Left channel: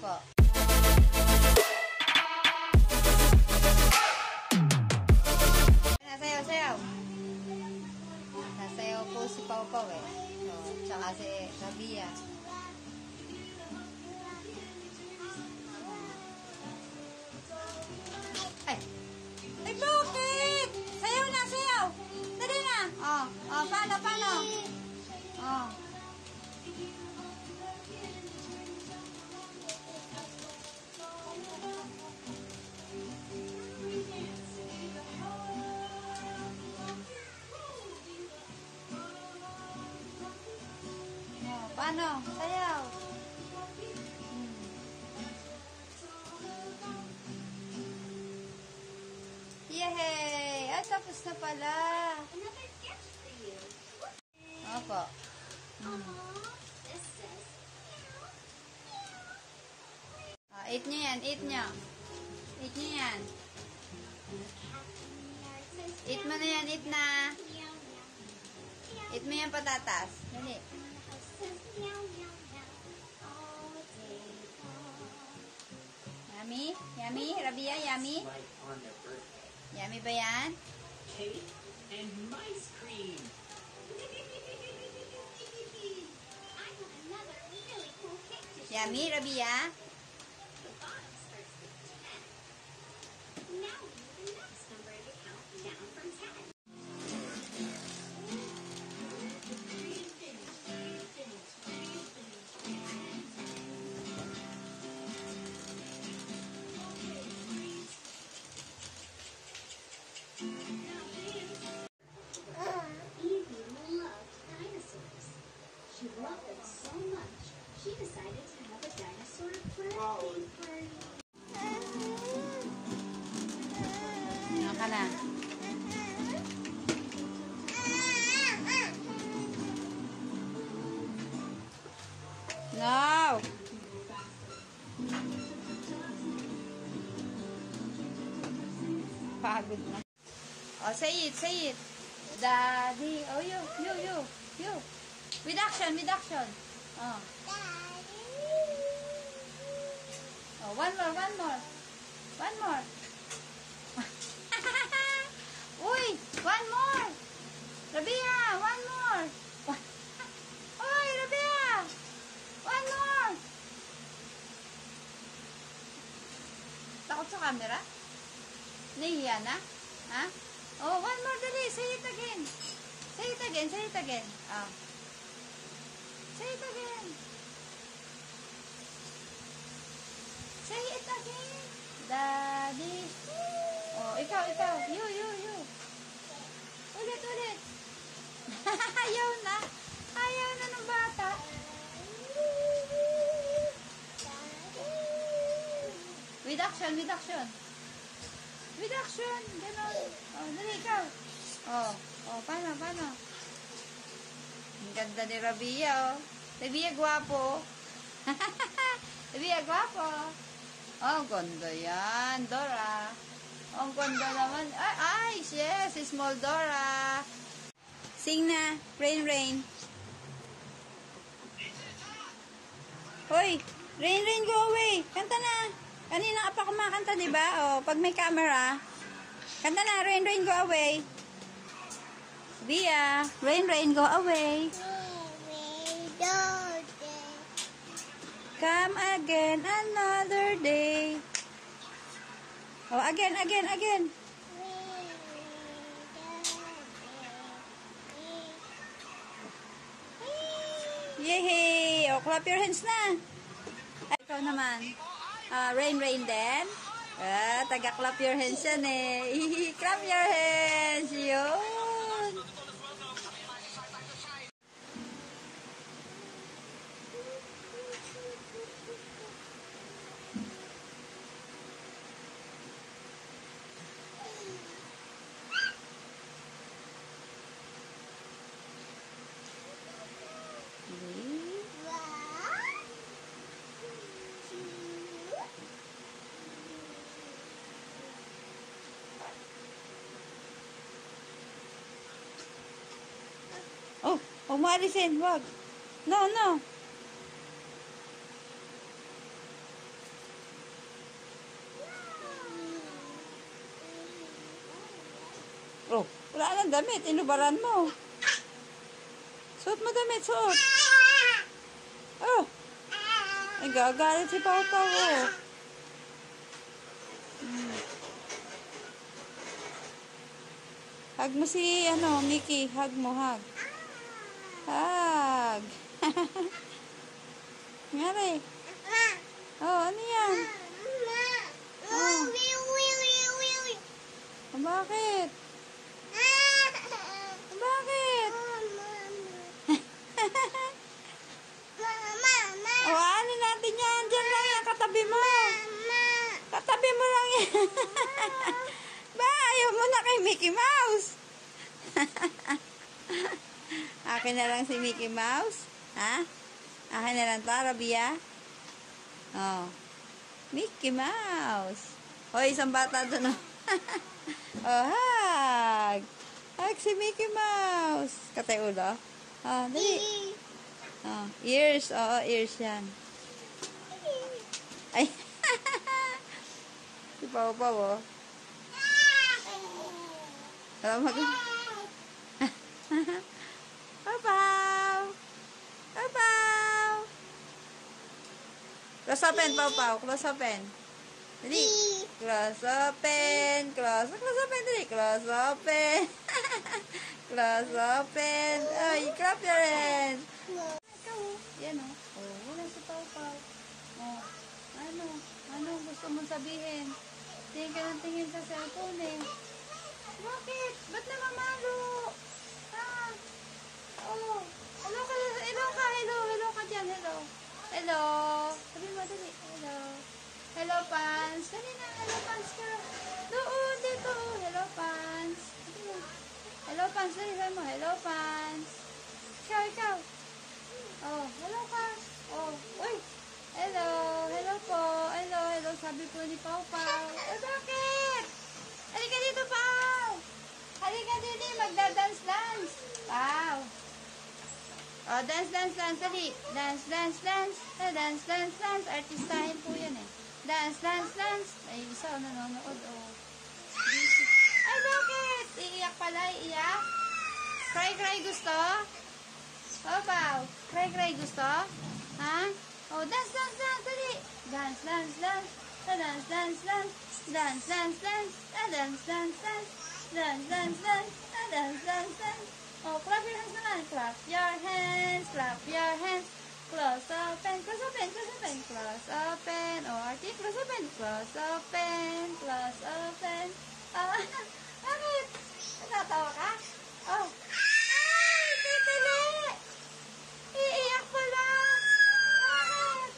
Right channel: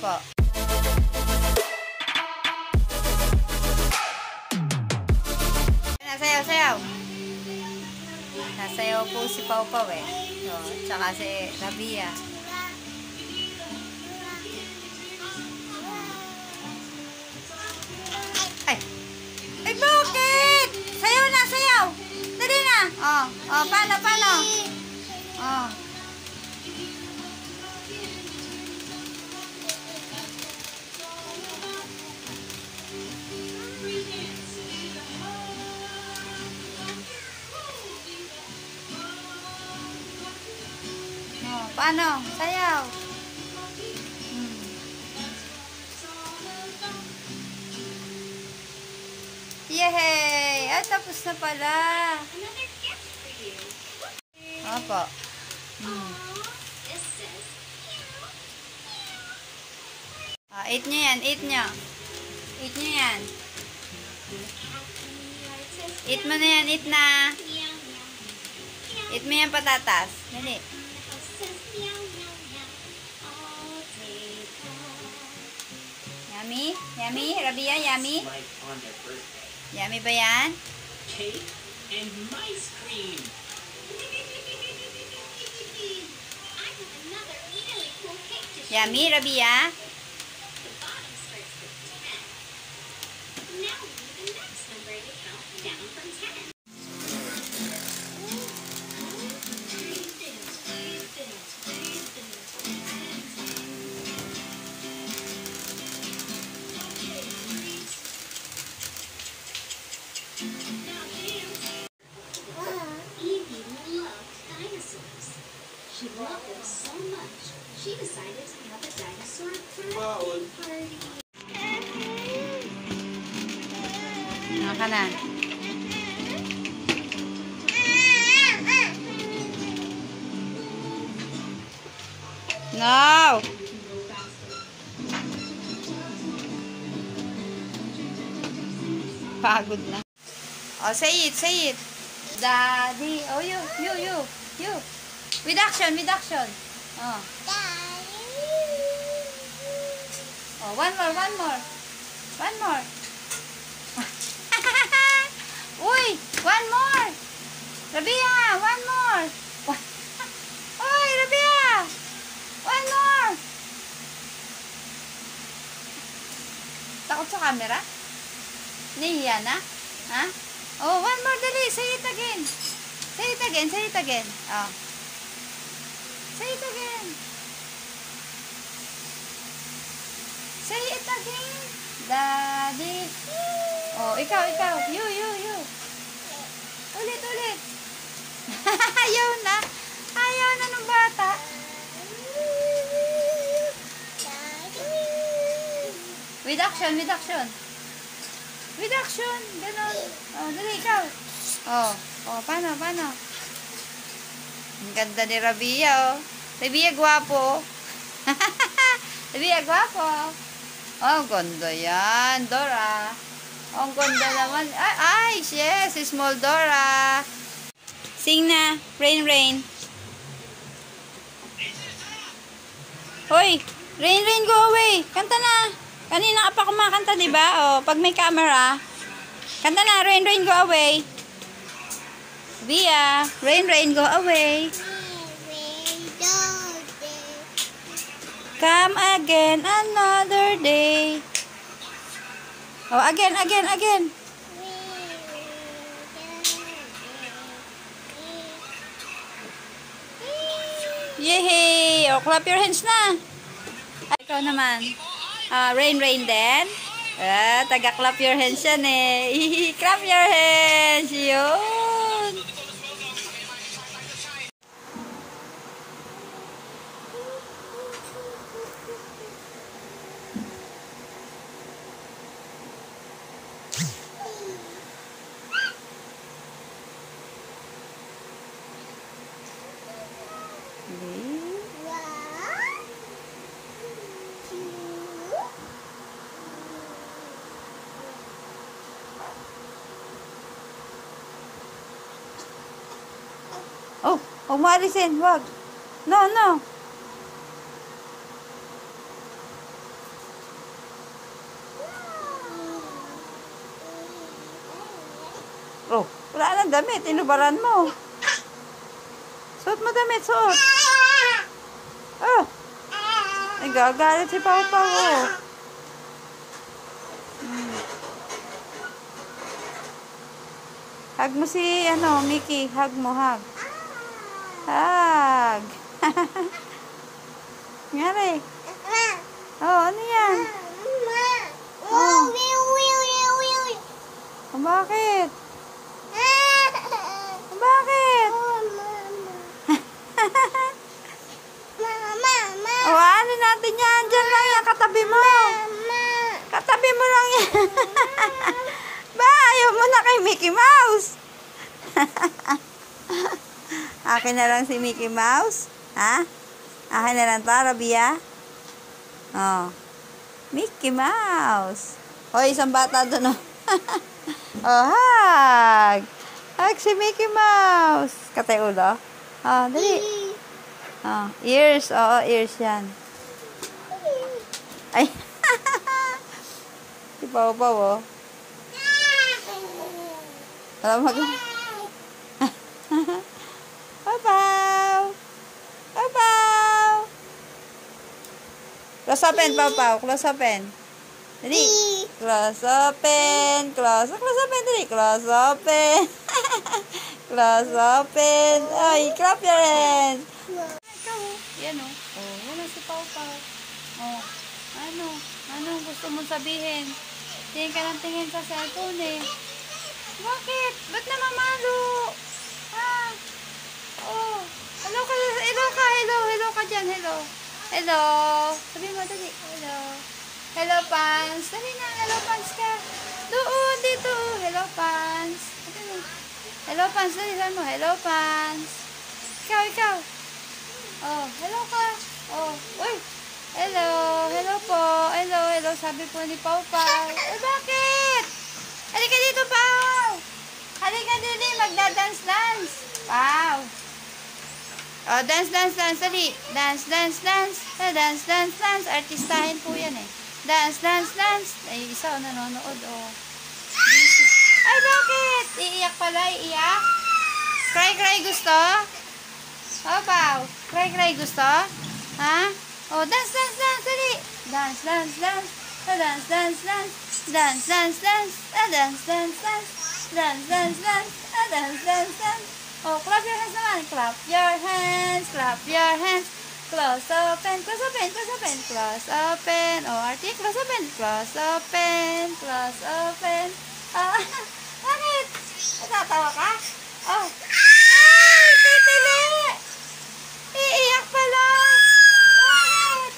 Opo. Nasayaw-sayaw. Nasayaw po si Pau Pau eh. So, tsaka si Rabia. Ay! Ay, bakit? Sayaw na, sayaw! Dali na! Oh, paano? Oh. Paano? Sayaw. Yay! Ay, tapos na pala. Opo. Eat nyo yan. Eat nyo. Eat nyo yan. Eat mo na yan. Eat na. Eat mo yan patatas. Dali. Yummy? Yummy? Rabia, yummy? Yummy ba yan? Cake and ice cream. Yummy, Rabia? The bottom starts with 10. Now we need the next number to count down from 10. Evie loved dinosaurs. She loved them so much, she decided to have a dinosaur birthday party. Naka na. No! Pagod na. Oh, say it, say it. Daddy. Oh, you. With action. Oh. Oh, one more. Uy, one more. Rabia, one more. Uy, Rabia. One more. Takot sa camera? Nahiya na? Ha? Oh, one more, dali. Say it again. Say it again. Oh. Say it again. Say it again. Daddy. Oh, ikaw. You. Ulit. Ayaw na ng bata. With action. Ganon. Oh, dali, ikaw. Oh, paano? Ang ganda ni Rabia, oh. Rabia, gwapo. Rabia, gwapo. Oh, ganda yan. Dora. Oh, ang ganda naman. Ay, yes, small Dora. Sing na. Rain. Hoy, Rain, go away. Kanta na. Kanina ka pa kumakanta, diba? Oh, pag may camera. Kanta na, Rain, go away. Bia, Rain, go away. Come again another day. Oh, again. Yay! Oh, clap your hands na. Ay, ikaw naman. Rain din. Taga-clap your hands yan eh. Clap your hands. Yun. Oh, Maricen, wag. No. Oh, wala nang damit. Inubaran mo. Suot mo damit, suot. Oh. Ay, gagalit si Papa, oh. Hug mo si, Mickey. Hug mo, hug. Hug. Ngari. Oh, ano yan? Oh. Oh, bakit? Bakit? Oh, ano natin yan? Diyan lang yan, katabi mo. Katabi mo lang yan. Ba, ayaw mo na kay Mickey Mouse. Akin na lang si Mickey Mouse. Ha? Akin na lang to, Rabia. Oh. Mickey Mouse. Oh, isang bata doon, oh. Oh, hug. Hug si Mickey Mouse. Katay ulo. Oh, dali. Oh, ears. Oo, ears yan. Ay. Si Pau Pau, oh. Alam mo, Pau Pau. Pau Pau. Close open, Pau Pau. Close open. Dali. Close open. Close open. Dali. Close open. Close open. Ay, clap your hands. Yan, oh. Oh, yan na si Pau Pau. Oh, ano gusto mong sabihin? Tingin ka ng tingin sa cellphone, eh. Bakit? Ba't namamalo? Ha? Oh, hello ka dyan, hello. Hello. Sabi mo, dali. Hello. Hello, Pans. Dali na, hello, Pans ka. Doon, dito. Hello, Pans. Hello, Pans. Dali, sabi mo, hello, Pans. Ikaw. Oh, hello ka. Oh, uy. Hello po. Hello. Sabi po ni Pau Pau. Eh, bakit? Halika dito, Pau. Halika dito, magda-dance. Wow. Oh, dance. Dali. Dance. Artistahin po yan, eh. Dance. Ay, isa, nanonood, oh. Busy. Ay, bakit? Iiyak pala, iiyak? Cry gusto? Oh, Pau. Cry gusto? Ha? Oh, dance. Dali. Dance. Oh, clap your hands naman. Clap your hands. Close open. Oh, Artie, close open. Ah, bakit? Natatawa ka? Oh. Ay, titili! Iiyak pala. Bakit?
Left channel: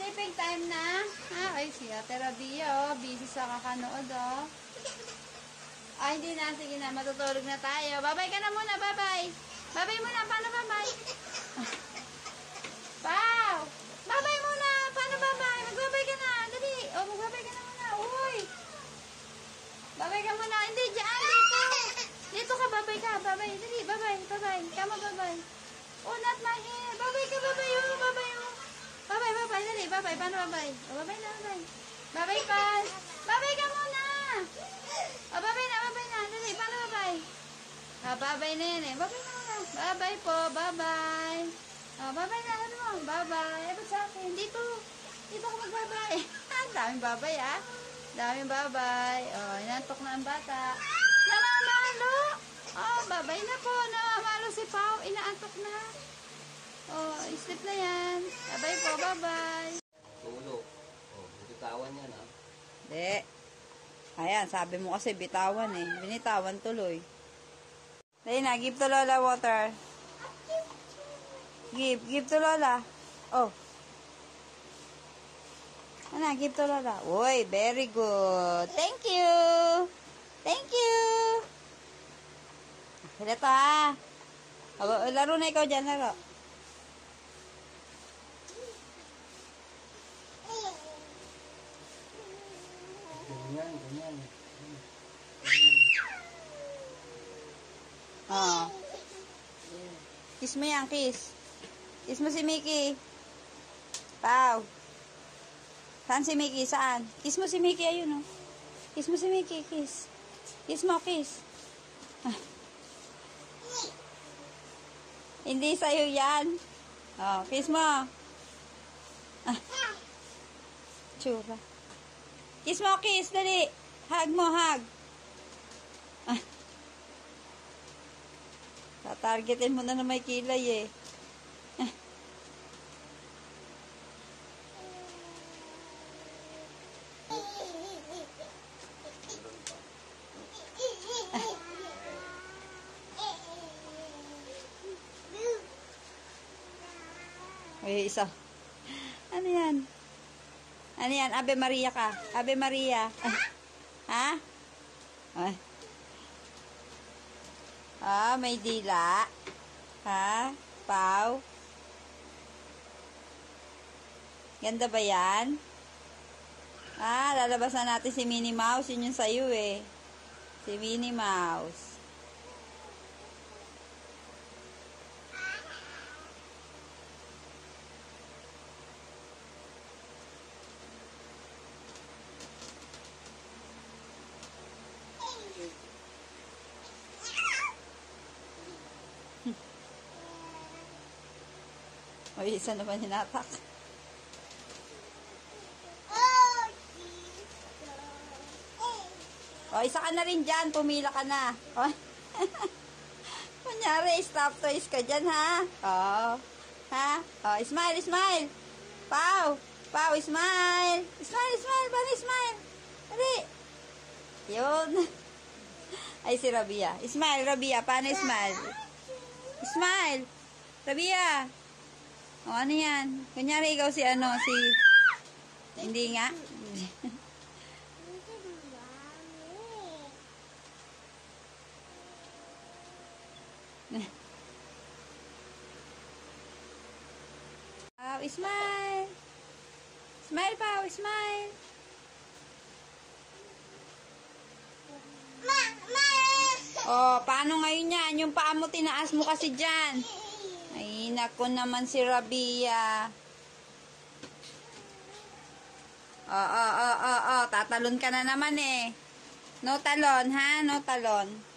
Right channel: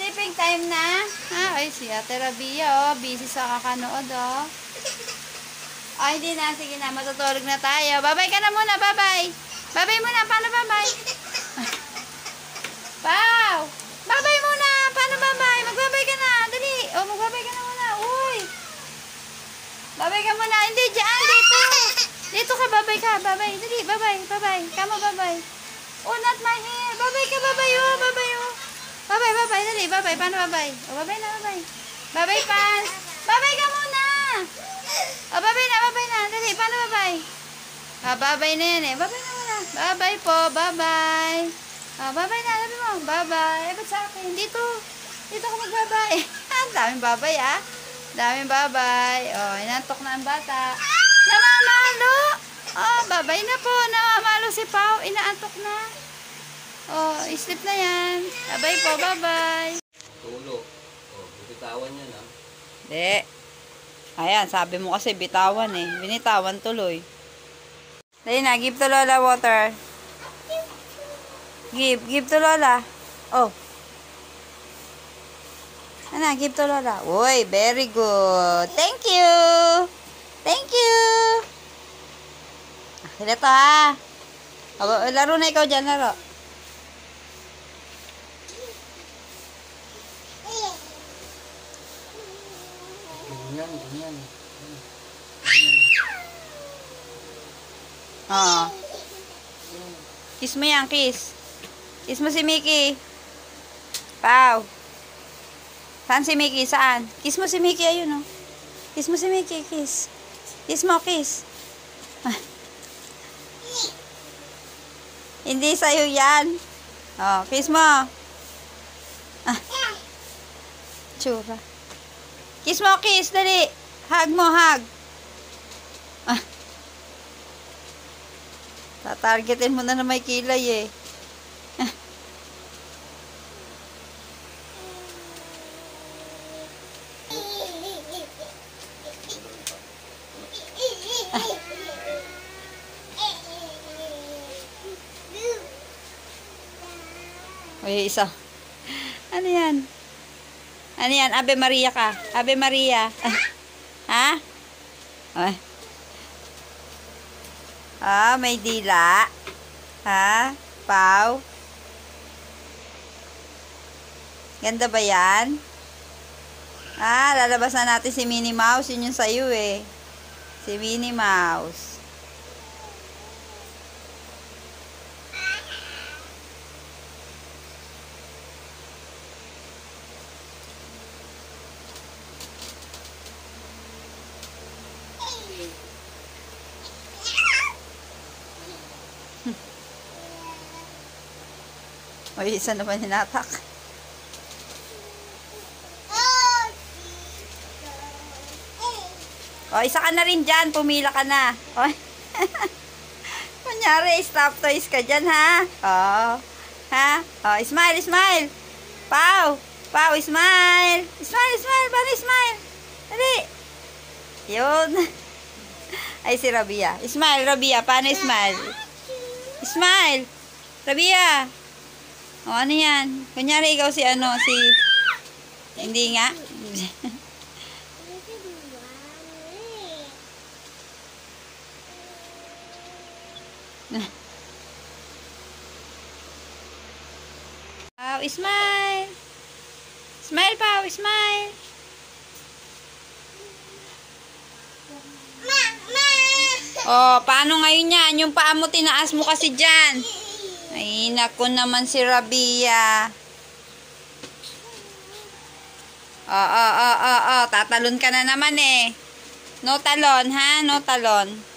Sleeping time na? Ay, si Ate Rabia, oh. Busy sa kakanood, oh. Ay, hindi na. Sige na, matutulog na tayo. Bye-bye ka na muna, bye-bye. Bye-bye muna, paano bye-bye? Pau! Bye-bye muna, paano bye-bye? Magbabay ka na, dali. Oh, magbabay ka na muna, uy. Bye-bye ka muna, hindi, dyan, dito. Dito ka, bye-bye ka, bye-bye. Dali, bye-bye. Kamo, bye-bye. Oh, not my hair. Bye-bye ka, bye-bye, oh. Bye-bye, dali, bye-bye. Paano bye-bye? Oh, bye-bye na, bye-bye. Bye-bye, Pans. Bye-bye ka muna. Oh, bye-bye na. Dali, paano bye-bye? Ah, bye-bye na yan, eh. Bye-bye na muna. Bye-bye po, bye-bye. Ah, bye-bye na, sabi mo. Bye-bye. Eh, ba't sa akin? Dito ka mag-bye-bye. Ang daming bye-bye, ah. Daming bye-bye. Oh, inantok na ang bata. Namamalo. Oh, bye-bye na po. Namamalo si Pau. Inaantok na. Oh, sleep na yan. Bye-bye po, bye-bye. Tulog. Oh, bitawan niya na. Hindi. Ayan, sabi mo kasi bitawan, eh. Binitawan tuloy. Dali na, give to Lola water. Give to Lola. Oh. Ano, give to Lola. Uy, very good. Thank you. Sila to, ha. Laro na ikaw dyan, laro. Ganyan. Oo. Kiss mo yan, kiss. Kiss mo si Mickey. Pau. Saan si Mickey? Saan? Kiss mo si Mickey, ayun, oh. Kiss mo si Mickey, kiss. Kiss mo, kiss. Ah. Hindi sa'yo yan. Oh, kiss mo. Ah. Tsura. Kiss mo, kiss. Dali. Hug mo, hug. Ah. Tatargetin mo na may kilay eh. Ah. Ay, isa. Ano yan? Ano yan? Ave Maria ka. Ave Maria. Ha? Ay. Ah, may dila. Ha? Pau? Ganda ba yan? Ah, lalabas na natin si Minnie Mouse. Yun yung sa'yo eh. Si Minnie Mouse. O, isa naman hinatak. O, isa ka na rin dyan. Pumila ka na. O. Kunyari, stop toys ka dyan, ha? O. Ha? O, smile, smile. Pau. Pau, smile. Smile, smile. Paano smile? Dali. Yun. Ay, si Rabia. Smile, Rabia. Paano smile? Smile. Rabia. O, ano yan? Kunyari, ikaw si ano, si... Hindi nga. Pau, smile. Smile, Pau, smile. O, paano ngayon yan? Yung paa mo, tinaas mo kasi dyan. Ay, naku naman si Rabia. Tatalon ka na naman eh. No talon, ha? No talon.